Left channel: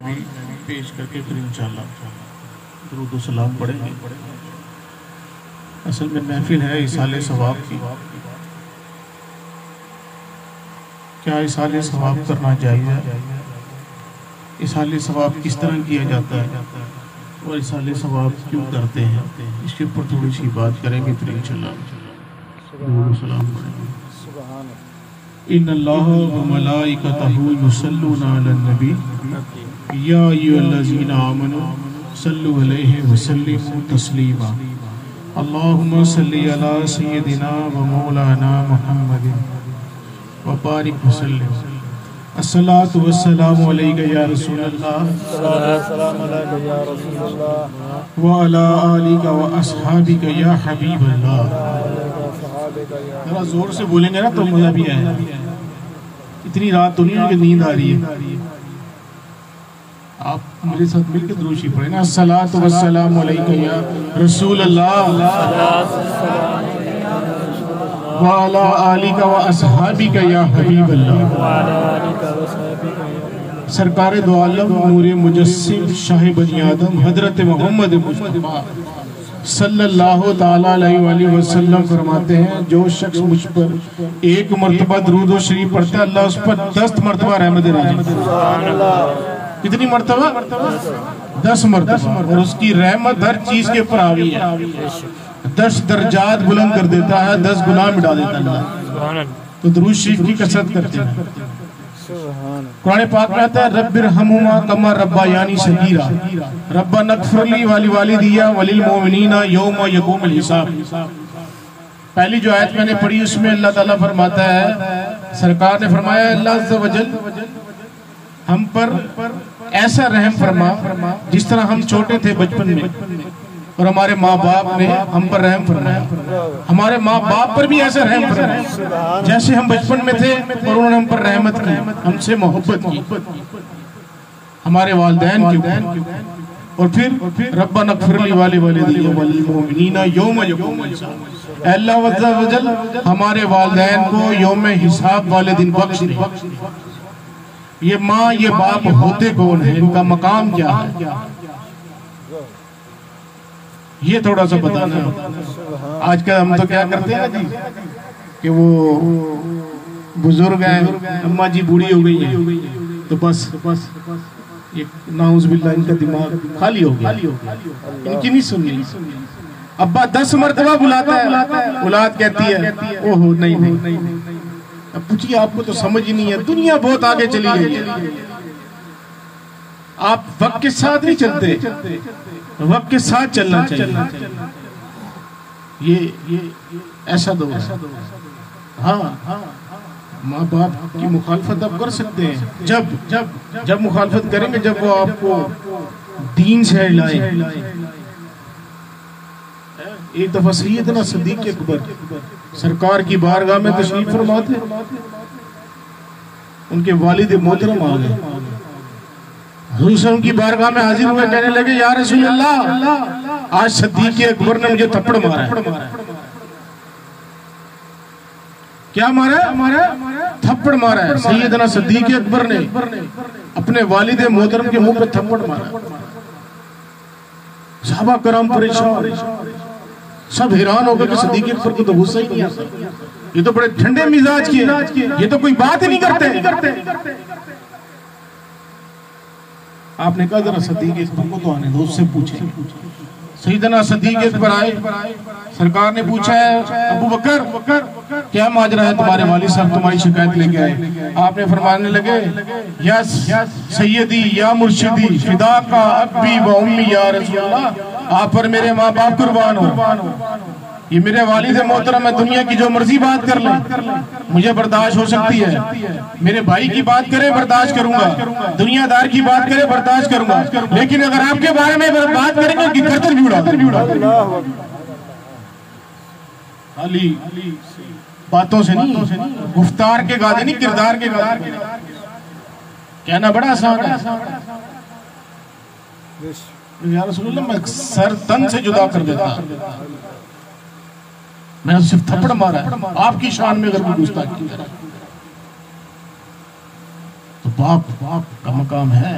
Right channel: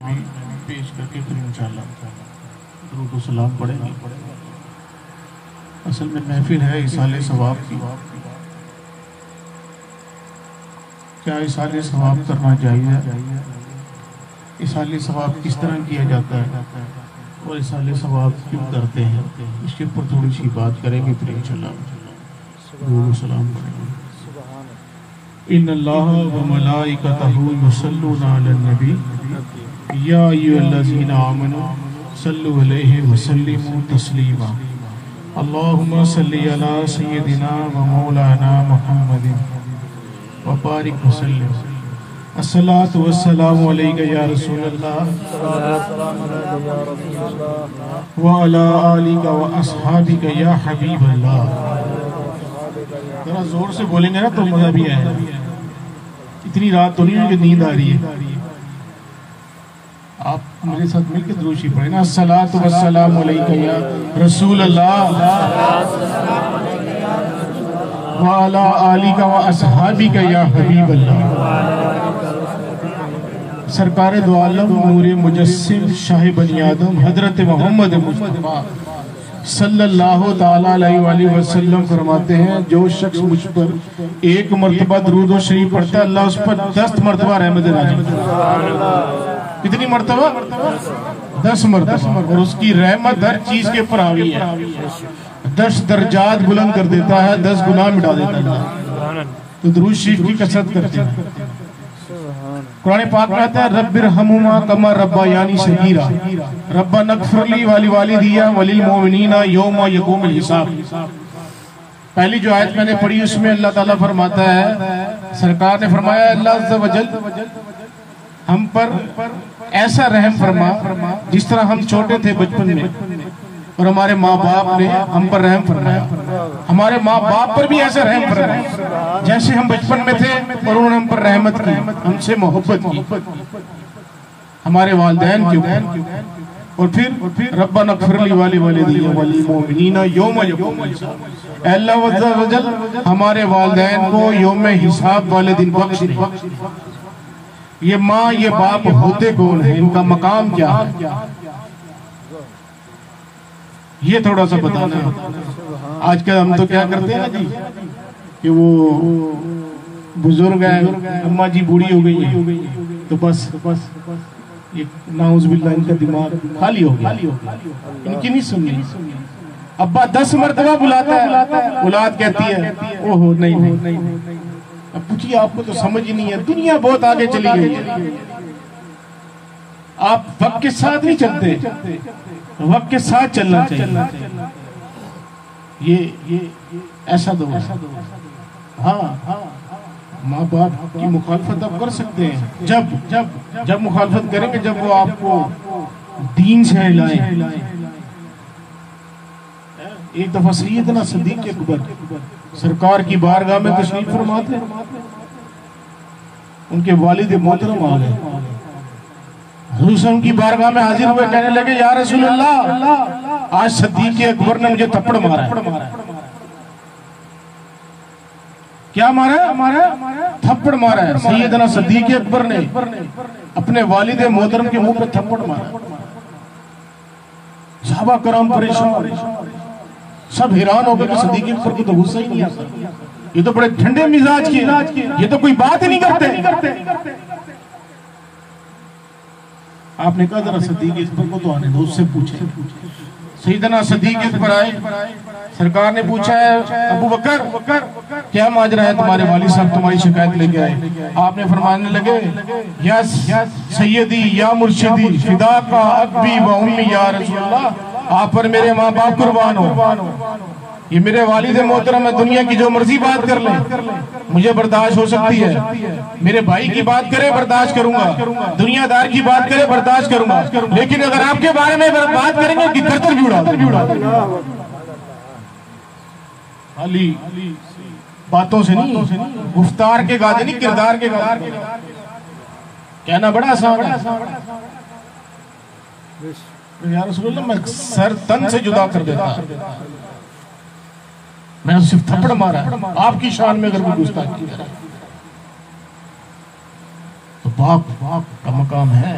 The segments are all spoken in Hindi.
पेश करके फिर इंशाल्लाह दुरूद व सलाम पढ़ेंगे। असल में महफिल है इसाले सवाब की। क्या इसाले सवाब करना चाहिए? इसाले सवाब किस तरह किया जाता है और इसाले सवाब क्यों करते हैं, इसके ऊपर थोड़ी सी बात करेंगे, फिर इंशाल्लाह दुरूद व सलाम पढ़ेंगे। इन्नल्लाह व मलाइकतहु युसल्लूना अलन नबी या अय्युहल्लज़ीना आमनू सल्लु अलैहि व सल्लिमू तस्लीमा। अल्लाहुम्मा सल्लि अला सय्यिदिना व मौलाना मुहम्मदिन व बारिक व सल्लिम। अस्सलातु वस्सलामु अलैका या रसूलल्लाह व अला आलिका व अस्हाबिका या हबीबल्लाह। थोड़ा जोर से बोलेंगे ना तो मजा भी आएगा। इतनी रात तो नहीं कि नींद आ रही है। आप मेरे साथ मिलकर दुरूद पढ़े ना। अस्सलातु वस्सलामु अलैका या रसूल अल्लाह व अला आलिका व अस्हाबिका या हबीब अल्लाह। सरकार दो आलम नूरे मुजस्सिम शाह बनी आदम हजरत मोहम्मद मुस्तफा सल्लल्लाहु ताला अलैहि वसल्लम फरमाते हैं, जो शख्स मुझ पर एक मर्तबा दुरूद व शरीफ पढ़ता है, अल्लाह उस पर 10 मर्तबा रहमत नाज़िल। कितनी मर्तबा? 10 मर्तबा। और उसकी रहमत हर चीज के ऊपर हावी है। 10 दर्जात बुलंद कर देता है, 10 गुनाह मिटा देता है। तो दुरूद शरीफ की कसरत करते हैं। कुरान पाक में आता है, रब्बिरहमुमा कमा रब्बायानी सगीरा रब्बा नगफिरली वाली वालिदिया वलिल मोमिनीना यौमा यक़ूमुल हिसाब। पहली जो आयत मैंने पढ़ी उसमें अल्लाह ताला फरमाता है, सरकार ने फरमाया, अल्लाह अज़्ज़ा वजल हम पर ऐसा रहम फरमा जिस तरह हम छोटे थे बचपन में और हमारे माँ बाप ने हम पर रहम फरमाया। हमारे माँ बाप पर भी ऐसा रहम फरमाया जैसे हम बचपन में थे और उन्होंने हम पर रहमत की, हमसे मोहब्बत की, हमारे वालिदैन के ऊपर। और फिर रब्बना ग़फ़िरली वालिदिया वलिल मोमिनीना यौमा यक़ूमुल हिसाब। अल्लाह अज़्ज़ा वजल हमारे वालिदैन को यौम हिसाब वाले दिन बख्श दे। ये माँ ये बाप होते कौन है, इनका मकाम क्या है, ये थोड़ा सा बताना है। आजकल हम तो क्या करते हैं जी कि वो बुजुर्ग हैं, अम्मा जी बूढ़ी हो गई है तो बस ये नाउज़ुबिल्लाह इनका दिमाग खाली हो गया, इनकी नहीं सुननी। अब्बा 10 मर्तबा बुलाता है, औलाद कहती है ओहो नहीं। अब पूछिए, आपको तो समझ ही नहीं है, दुनिया बहुत आगे चली गई। आप वक्त के साथ नहीं चलते, वक्त के साथ चलना चाहिए। ये ऐसा दो है। हाँ, माँ बाप की मुखालफत आप कर सकते हैं जब मुखालफत करेंगे जब वो आपको दीन से हिलाए। एक दफा सैयदना सिद्दीक़ अकबर सरकार की बारगाह में तशरीफ फरमा थे। उनके वालिद मोहतरम आ गए, हुज़ूर की बारगाह में हाजिर हुए, कहने लगे, या रसूल अल्लाह, आज सिद्दीक़ अकबर ने मुझे थप्पड़ मारा है। क्या मारा है? थप्पड़ मारा है। सैयदना सिद्दीक़ अकबर ने अपने वालिद मोहतरम के मुंह पे थप्पड़ मारा। सहाबा कराम परेशान, सब हैरान हो गए कि सिद्दीक़ अकबर को तो गुस्सा ही नहीं आता, ये तो बड़े ठंडे मिजाज के, ये तो कोई बात ही नहीं करते। आपने कहा जरा सिद्दीक़ अकबर को तो आने दो, उससे पूछे। सैयदना सिद्दीक़ अकबर आए, सरकार ने पूछा है, अबू बकर क्या माजरा है, तुम्हारे वालिद साहब तुम्हारी शिकायत लेके आए। आपने फरमाने लगे, यस सैयदी या मुर्शिदी फिदा का अब्बी व उम्मी या रसूलल्लाह, आप पर मेरे माँ बाप कुर्बान हो। ये मेरे वालिद मोहतरम है, दुनिया की जो मर्जी बात कर ले मुझे बर्दाश्त हो सकती है। मेरे भाई की बात करे बर्दाश्त करूंगा, दुनियादार की बात करे बर्दाश्त करूंगा, लेकिन अगर आपके बारे में बात करेंगे कि गर्दन भी उड़ा खाली बातों से नहीं, गुफ्तार के गादे नहीं, किरदार के गादे। कहना बड़ा आसान है, या रसूलल्लाह मैं सर तन से जुदा कर देता, मैंने सिर्फ थप्पड़ मारा है, आपकी शान में अगर कोई गुस्ताखी करे तो बाप का मकाम है।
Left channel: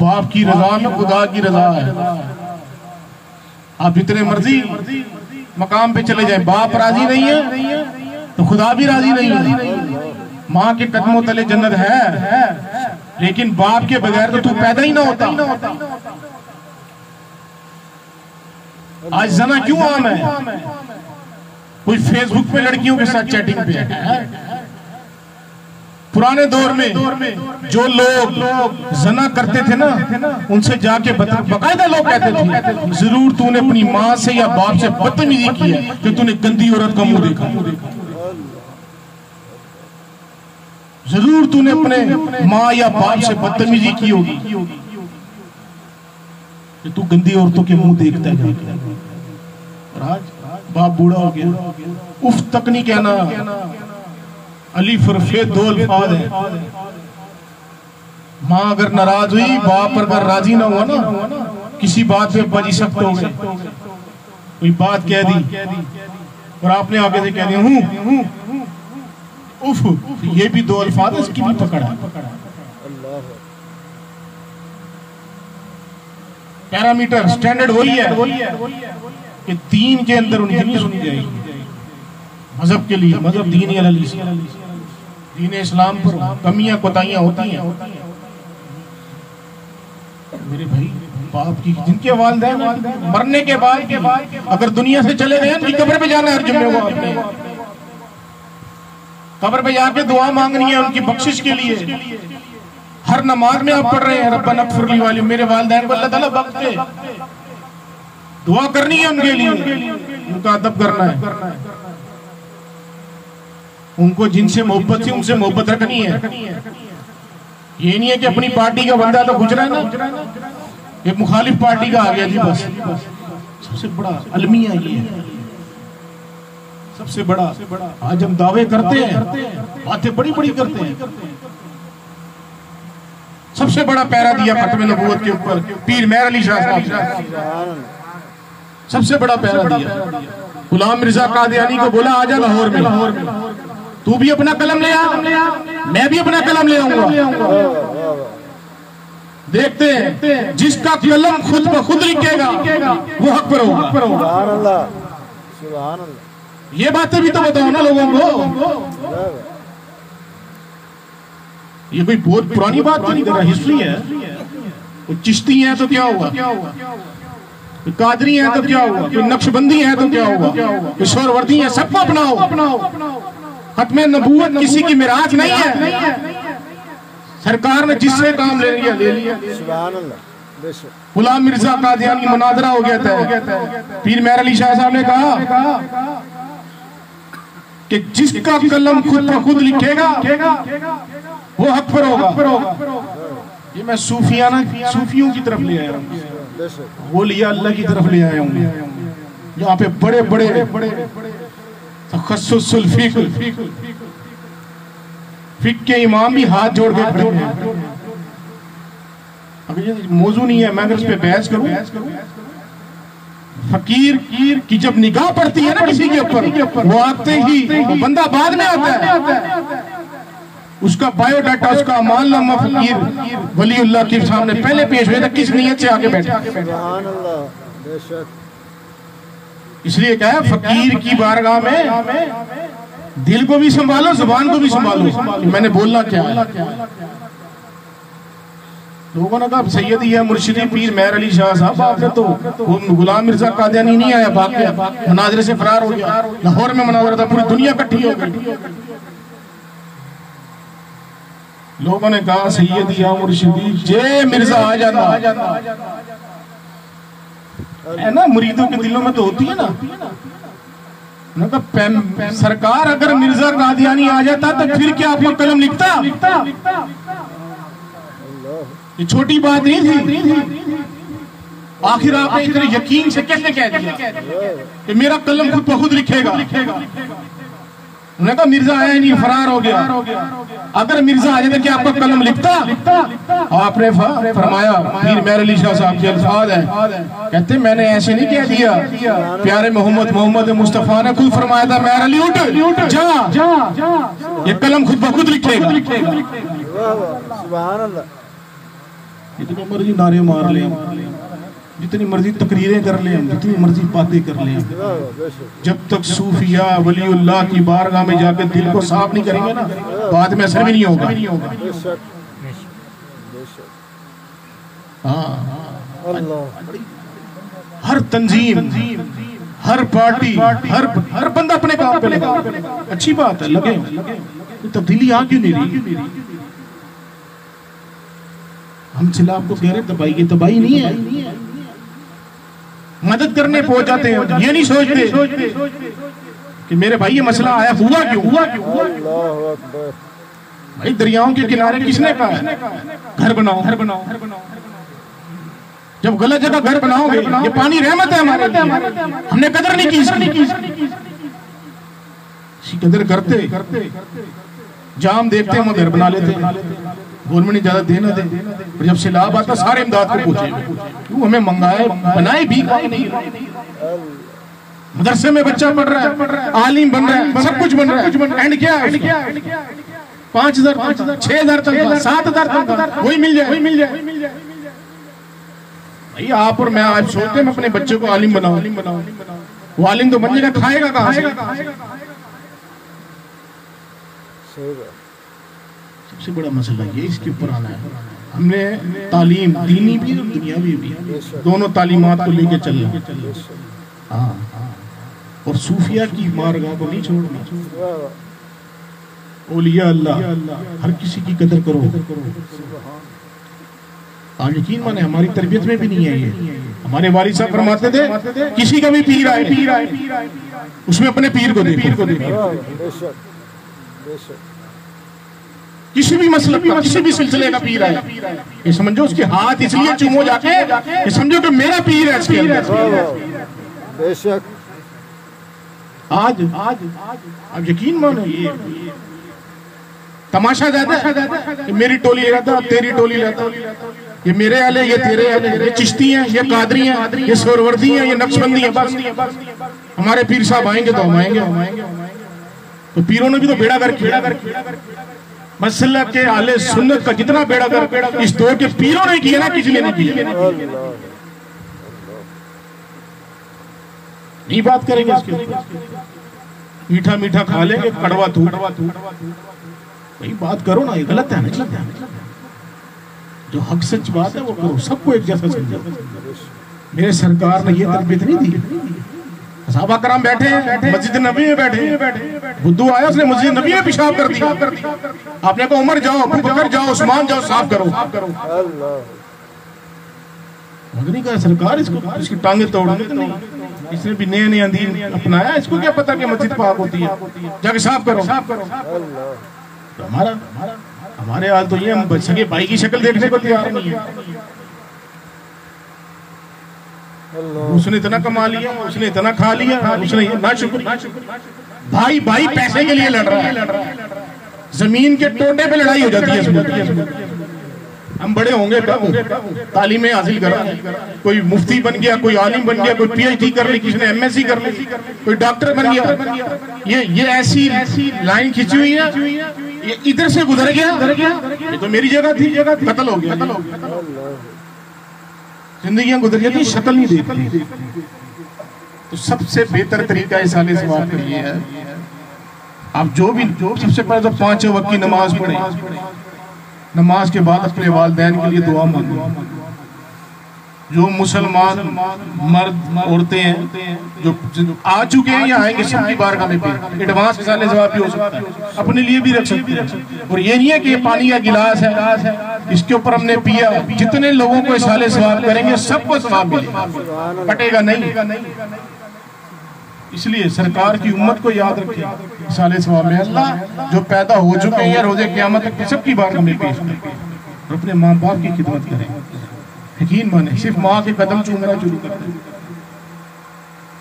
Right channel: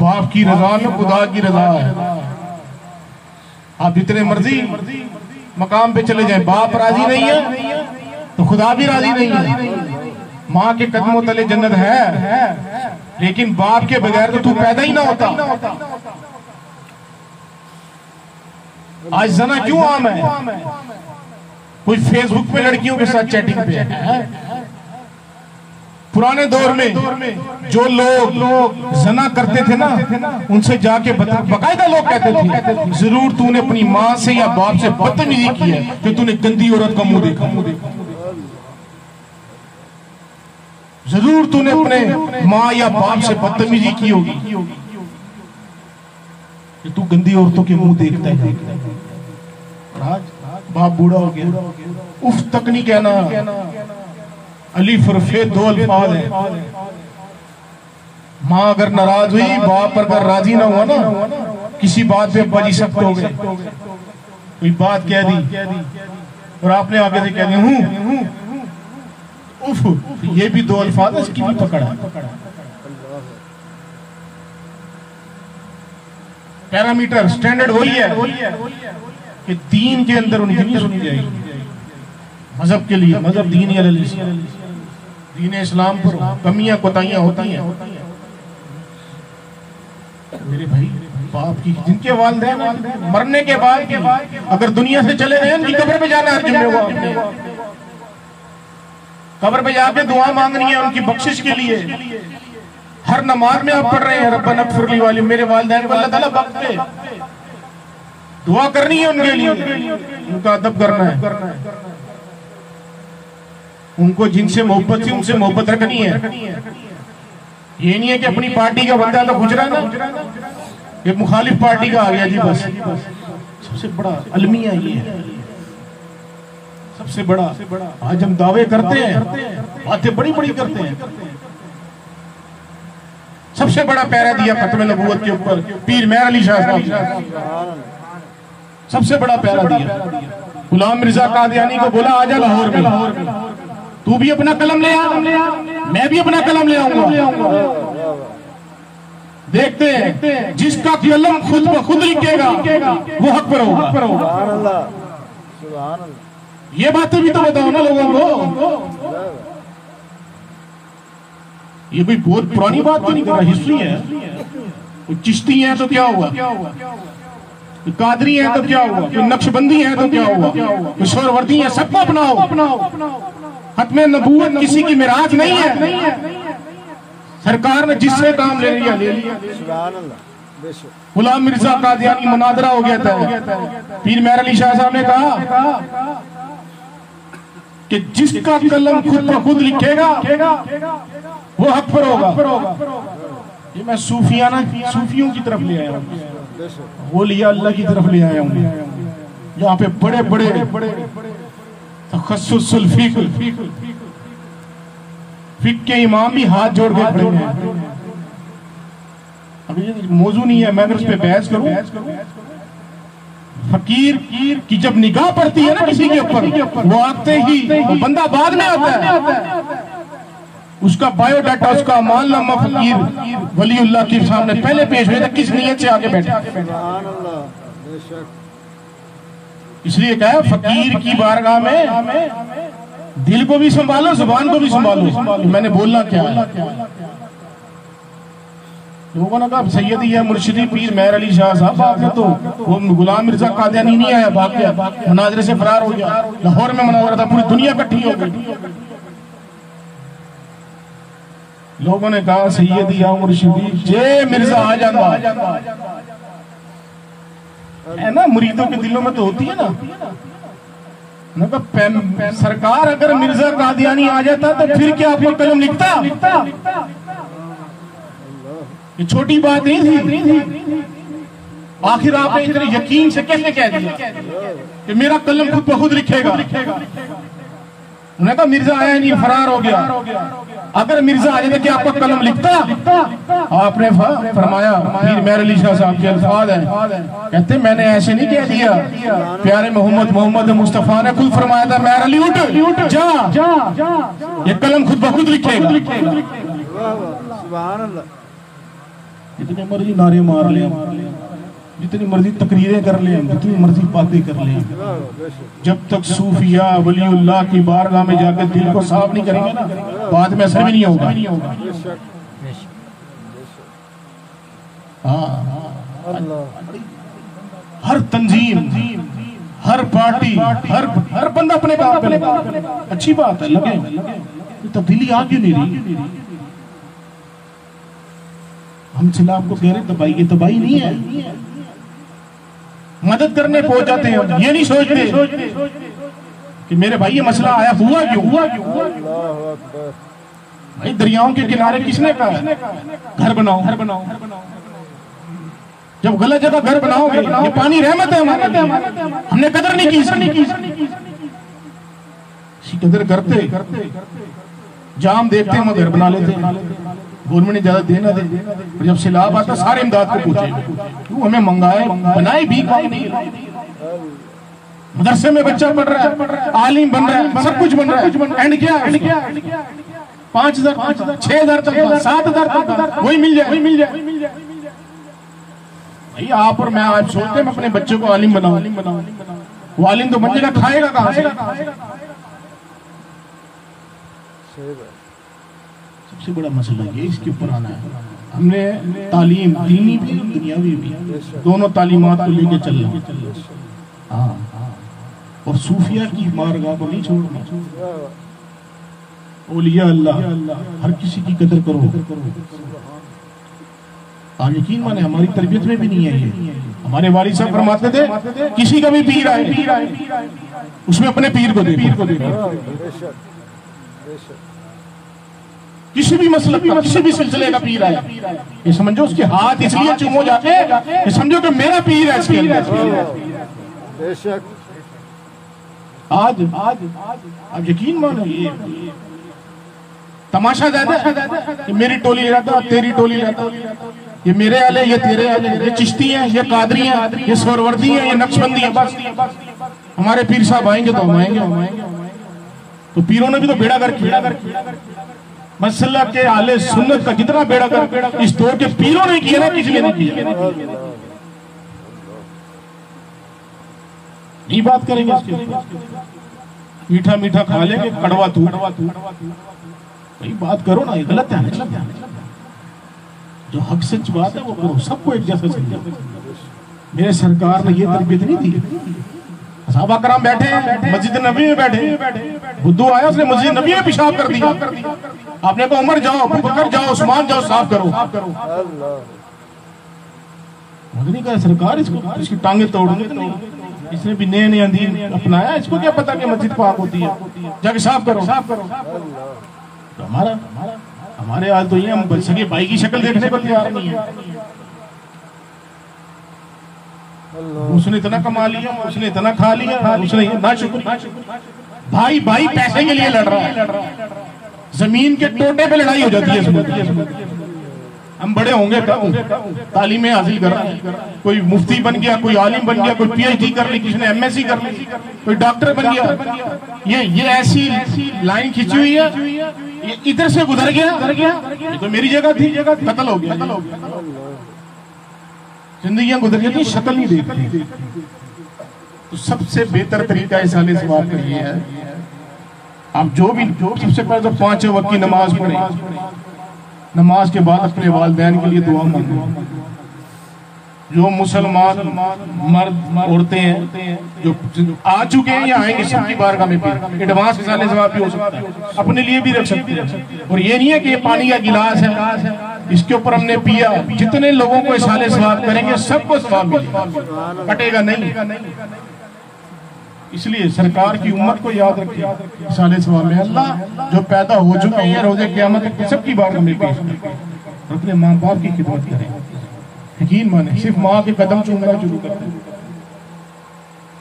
बाप की रजा में खुदा की रजा है। आप जितने मर्जी मकाम पे चले जाए, बाप राजी नहीं है तो खुदा भी राजी नहीं है। माँ के कदमों तले जन्नत है, लेकिन बाप के बगैर तो तू पैदा ही ना होता। आज जना क्यों आम है? कोई फेसबुक पे लड़कियों के साथ चैटिंग पे है। पुराने दौर में जो लोग जना करते थे ना, उनसे जाके बकायदा लोग कहते थे जरूर तूने अपनी माँ से या बाप से बदतमीजी की है कि तूने गंदी औरत का मुंह देखा। जरूर तूने अपने माँ या बाप से बदतमीजी की होगी कि तू गंदी औरतों के मुंह देखता है। आज बाप बूढ़ा हो गया, उफ तक नहीं कहना। अली फरफे दो अल्फाज है। माँ अगर नाराज हुई, बाप अगर राजी ना हुआ ना, किसी बात पे अब्बा जी सख्त हो गए। कोई बात कह दी और आपने आगे से कह दिया हूं उफ, ये भी दो अल्फाज है, इसकी भी पकड़ा। पैरामीटर स्टैंडर्ड वही है कि दीन के अंदर उनकी नहीं सुनी जाएगी। मजहब के लिए मजहब दीन या दीन इस्लाम पर कमियां कोताहियां होती हैं। मेरे भाई बाप की जिनके वालिदैन मरने के बाद अगर दुनिया से चले गए, उनकी कब्र पे जाना हर जुम्मे, कब्र पे जाके दुआ मांगनी है उनकी बख्शिश के लिए। हर नमाज में आप पढ़ रहे हैं रब्बना इग़फिर ली वाली, मेरे वालिदैन को अल्लाह ताला बख्श दे, दुआ करनी है उनके लिए, उनका अदब करना है, उनको जिनसे मोहब्बत थी उनसे मोहब्बत रखनी है। ये नहीं है कि अपनी पार्टी का बंदा तो गुजरा ना, ये मुखालिफ पार्टी का आ गया जी बस। सबसे बड़ा अलमिया ये है, सबसे बड़ा। आज हम दावे करते हैं, बातें बड़ी बड़ी करते हैं। सबसे बड़ा पैरा दिया खत्म नबूवत के ऊपर पीर मेहर अली शाह साहब, सबसे बड़ा पैरा दिया। गुलाम मिर्जा कादियानी को बोला आजा लाहौर में, तू भी अपना कलम ले आ, मैं भी अपना कलम ले आऊंगा। देखते हैं जिसका कलम खुद ब खुद लिखेगा वो हक पर होगा। ये बातें भी तो बताओ ना लोगों को। ये कोई बहुत पुरानी बात तो नहीं कर रहा, हिस्ट्री है। चिश्ती है तो क्या हुआ, कादरी है तो क्या हुआ, नक्शबंदी है तो क्या हुआ, शोरवर्दी है, सबको अपनाओ। खत्मे नबूवत किसी की मिराज नहीं है। सरकार ने जिससे काम ले लिया ले लिया। गुलाम मिर्जा कादियानी मुनाजरा हो गया था, पीर मेहर अली शाह साहब ने कहा कि जिसका कलम खुद ब खुद लिखेगा वो हक पर होगा। ये मैं सूफियों की तरफ ले आया हूँ, वो लिया अल्लाह की तरफ ले आया हूँ। यहाँ पे बड़े बड़े तखस्सुस फिक़्ह के इमाम भी हाथ जोड़ के खड़े हैं। अब ये मौजू नहीं है, मैं अगर इस पे बहस करूं। फकीर की जब निगाह पड़ती है ना किसी के ऊपर, वो आते ही वो बंदा बाद में आता है, उसका बायोडाटा, उसका अमालनामा फकीर वलीउल्लाह के सामने पहले पेश हुआ था, किस नियत से आगे बैठे। इसलिए कहा है फकीर की बारगाह में दिल को भी संभालो, जुबान को भी संभालो। मैंने बोलना क्या है। लोगों ने कहा सैयदी या मुर्शिदी पीर मेहर अली शाह साहब, आपने तो वो गुलाम मिर्जा कादियानी नहीं आया, भाग गया, मनाजरे से फरार हो गया। लाहौर में मनाजरा था, पूरी दुनिया इकट्ठी हो गई। लोगों ने कहा सैयदी या मुर्शिदी जे मिर्जा आ जाना है ना, मुरीदों के दिलों में तो होती है ना। सरकार अगर मिर्जा कादियानी आ जाता तो फिर क्या आपको कलम लिखता? ये छोटी बात नहीं थी। आखिर आपने इतने यकीन से कैसे कह दिया कि मेरा कलम खुद ब खुद लिखेगा? उन्होंने कहा मिर्जा आया नहीं, फरार हो गया। अगर मिर्जा आ जाता क्या आपका कलम लिखता? आपने फरमाया, पीर मेहर अली शाह साहब के अल्फाज है, कहते मैंने ऐसे नहीं कह दिया, प्यारे मोहम्मद मुस्तफा ने खुद फरमाया था, मेहर अली उठ जा, ये कलम खुद ब खुद लिखेगा। जितने मर्जी नारे मार ले, जितनी मर्जी तकरीरें कर ले, जितनी मर्जी बातें कर ले, जब तक सूफिया वलीउल्लाह की बारगाह में जाकर दिल को साफ नहीं करेंगे ना, बाद में असर भी नहीं होगा। हाँ, हर तंजीम, हर पार्टी, हर बंदा अपने काम पे लगा, अच्छी बात है, लगे। तब्दीली आ क्यों नहीं रही? हम सिलाफ को कह रहे तबाही, ये तबाही नहीं है। मदद करने पहुंच जाते हैं, ये नहीं सोचते कि मेरे भाई ये मसला आया, हुआ क्यों? भाई दरियाओं के किनारे किसने कहा है घर बनाओ, घर बनाओ? जब गलत जगह घर बनाओगे, ये पानी रहमत है हमारे, हमने कदर नहीं की। कदर करते जाम देखते हम घर बना लेते, गवर्नमेंट ने ज्यादा देना दे, जब सैलाब आता सारे इमदाद को पूछे तू हमें मंगाए, बनाए भी नहीं। मदरसे में बच्चा पढ़ रहा है, आलिम बन रहा है, सब कुछ बन रहा है, एंड क्या है? 5,000, 6,000 तक, 7,000 तक वही मिल जाए। भाई आप और मैं आज सोचते हैं अपने बच्चे को आलिम बनाओ, वो आलिम तो बन जाएगा, खाएगा कहां से? सबसे बड़ा मसला ये इसके ऊपर आना है। हमने तालीम दीनी भी दुनियावी भी दोनों तालीमात को लेके चलना। हाँ, और सूफिया की बारगाह को नहीं छोड़ना। औलिया अल्लाह, हर किसी की कदर करो। आप यकीन माने हमारी तरबियत में भी नहीं है ये। हमारे वालिद साहब फरमाते थे किसी का भी पीर आए उसमें अपने पीर को देखो। किसी भी मसलब का, किसी भी सिलसिले का पीर आए, ये समझो उसके हाथ इसलिए चूमो जाके, ये समझो कि मेरा पीर है इसके अंदर। बेशक आज आप यकीन मानो ये तमाशा ज्यादा है। मेरी टोली रहता, तेरी टोली रहता, ये मेरे आले, ये तेरे आले, ये चिश्ती हैं, ये कादरी हैं, ये सोरवर्दी हैं, ये नक्शबंदी हैं। बस हमारे पीर साहब आएंगे तो हम आएंगे। तो पीरों ने भी तो बेड़ा कर मसला के आले सुन्नत का जितना बेड़ा कर इस दौर के पीरों ने किया ना, किसी ने नहीं किया। नहीं बात करेंगे इसके, मीठा मीठा खा लेंगे, कड़वा तू भाई बात करो ना, ये गलत है ना। जो हक सच बात है वो करो, सबको एक जैसा समझो। मेरे सरकार ने ये तरबियत नहीं दी। सहाबा कराम बैठे हैं मस्जिद नबी में, बैठे बुद्धू आया, उसने मस्जिद नबी में पेशाब कर दिया। आपने कहा उमर जाओ, अबू बकर जाओ, उस्मान जाओ, साफ करो। नहीं कहा सरकार इसकी टांगे तोड़, इसने भी नए अंदीन अपनाया, इसको क्या पता कि मस्जिद पाक होती है, जाके साफ करो। तो हमारे हाल तो ये, हम सगे भाई की शक्ल देखने को तैयार नहीं है। उसने इतना कमा लिया, उसने इतना खा लिया, उसने ना शुक्र। भाई पैसे के लिए लड़ रहा है, जमीन के टोटे पे लड़ाई हो जाती है। हम बड़े होंगे कब, तालीमें हासिल करा, कोई मुफ्ती बन गया, कोई आलिम बन गया, कोई पीएचडी कर ली, किसी ने एमएससी कर ली, कोई डॉक्टर बन गया। ये ऐसी लाइन खींची हुई है, ये इधर से गुजर गया, ये तो मेरी जगह थी, कत्ल हो गया। जिंदगियां गुजर जाती, शक्ल नहीं देखती। तो सबसे बेहतर तरीका इस साले सवाब का ये है, आप जो सबसे पहले तो 5 वक्त की नमाज पढ़े, नमाज के बाद अपने वालिदैन के लिए दुआ मांगो। जो मुसलमान मर्द औरतें हैं जो आ चुके हैं या आएंगे, सबकी बारगाह में पे एडवांस साले सवाब भी हो सकता है, अपने लिए भी रख सकते हैं। और ये नहीं है कि ये पानी या गिलास है, इसके ऊपर हमने पिया, जितने लोगों को साले सवाब करेंगे सबको सवाब मिलेगा, कटेगा नहीं। इसलिए सरकार की उम्मत को याद रखें, साले सवाब में अल्लाह जो पैदा हो चुके हैं रोजे क़यामत तक सबकी बारगाह में पेश करें, अपने माँ बाप की खिदमत करें। यकीन माने सिर्फ माँ के कदम चूमना शुरू कर दें,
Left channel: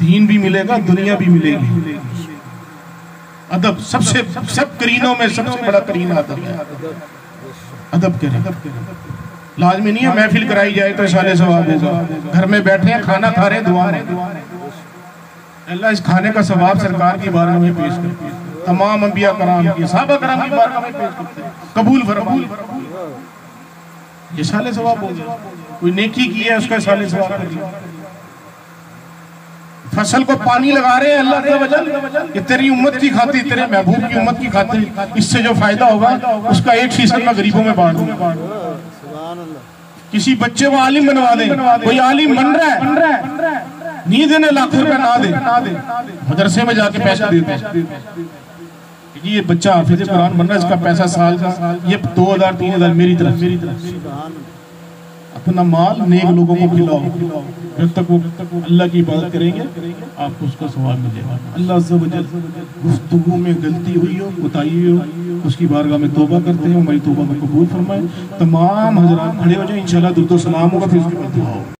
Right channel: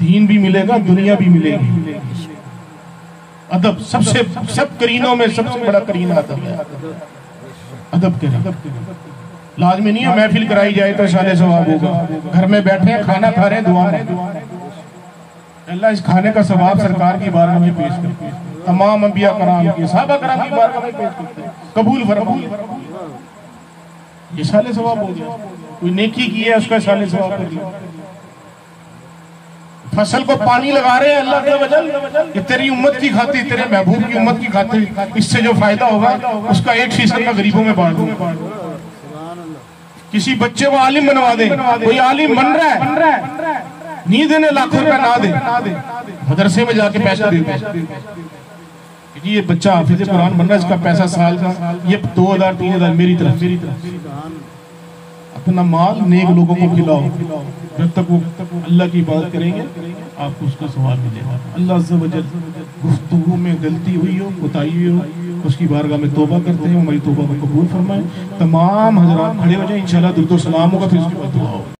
दीन भी मिलेगा, दुनिया भी मिलेगी। अदब सब करीनों में सबसे बड़ा करीन अदब है। अदब करें, लाजमी नहीं है महफिल कराई जाए तो साले सवाब होगा। घर में बैठे हैं, खाना खा रहे हैं, दुआ में अल्लाह इस खाने का सवाब सरकार की बारगाह में पेश करते हैं, तमाम अंबिया कराम की, सहाबा कराम की बारगाह में पेश करते हैं, कबूल फरमा। ये साले सवाब हो गया। कोई नेकी की है उसका साले सवाब कर दिया। फसल को पानी लगा रहे हैं अल्लाह के वजल, कि तेरी उम्मत की खातिर, तेरे महबूब की उम्मत की खातिर, इससे जो फायदा होगा उसका 1% मैं गरीबों में बांट दूंगा। किसी बच्चे को आलिम बनवा दे, कोई आलिम बन रहा है, नींद ने लाखों रुपया ना दे, मदरसे में जाके पैसा दे दे, ये बच्चा हाफिज कुरान बन रहा है, इसका पैसा साल का ये 2000-3000 मेरी तरफ। अपना माल नेक लोगों को खिलाओ, जब तक वो अल्लाह की इबादत करेंगे आपको उसका सवाब मिलेगा। अल्लाह अज़्ज़ा व जल गुफ्तगू में गलती हुई हो, बताई हुई हो, उसकी बारगाह में तौबा करते हैं, हमारी तौबा को कबूल फरमाए। तमाम हज़रात खड़े हो जाए, इंशाअल्लाह दुरूद व सलाम होगा, फिर उसके बाद दुआ होगा।